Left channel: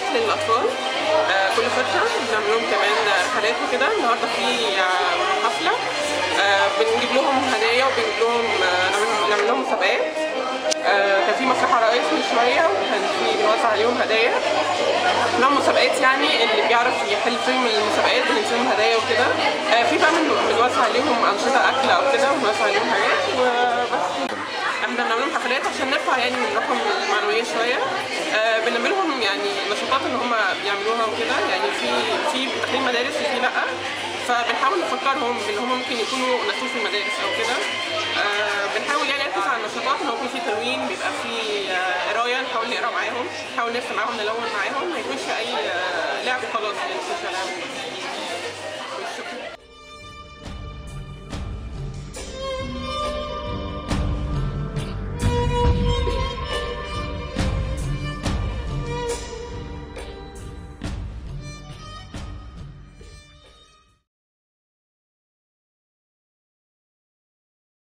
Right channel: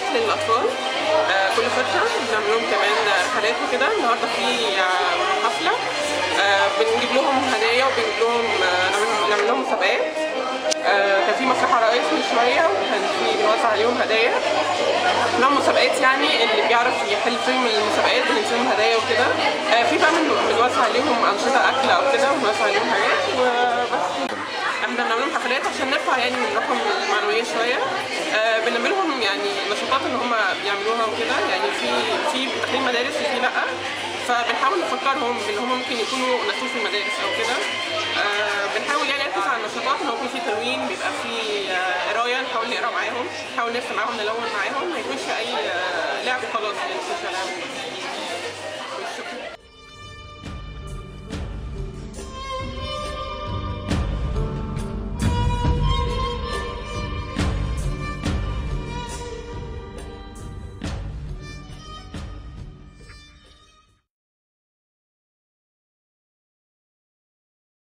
مسابقات للاطفال كل فتره، بنعمل لهم كمان رحلات وكده. النهارده في حفله بنجيب لهم هدايا وبنجيب لهم نعمل لهم مسابقات. كان في مسرح عرايس من شويه وكان في بنوزع عليهم هدايا. نوع مسابقات يعني اللي بيعرف يحل فيهم المسابقات بنديهم هدايا وكده. في بقى بنوزع عليهم انشطه اكل او كده، وبنوزع عليهم حاجات وبس. احنا بنعمل لهم حفلات عشان نرفع يعني من روحهم المعنويه شويه. بنعمل لهم يعني نشاطات ان هم يعملوها وكده، يعني في داخلين مدارس وفي لا، فبنحاول نفكرهم بان هم ممكن يكونوا ناسين في المدارس او كده. بنحاول يعني نركز على النشاطات، ان هو يكون في تلوين، بيبقى في قرايه، نحاول نقرا معاهم، نحاول نرسم معاهم، نلون معاهم، ما يكونش اي لعب خلاص يعني مش لعب.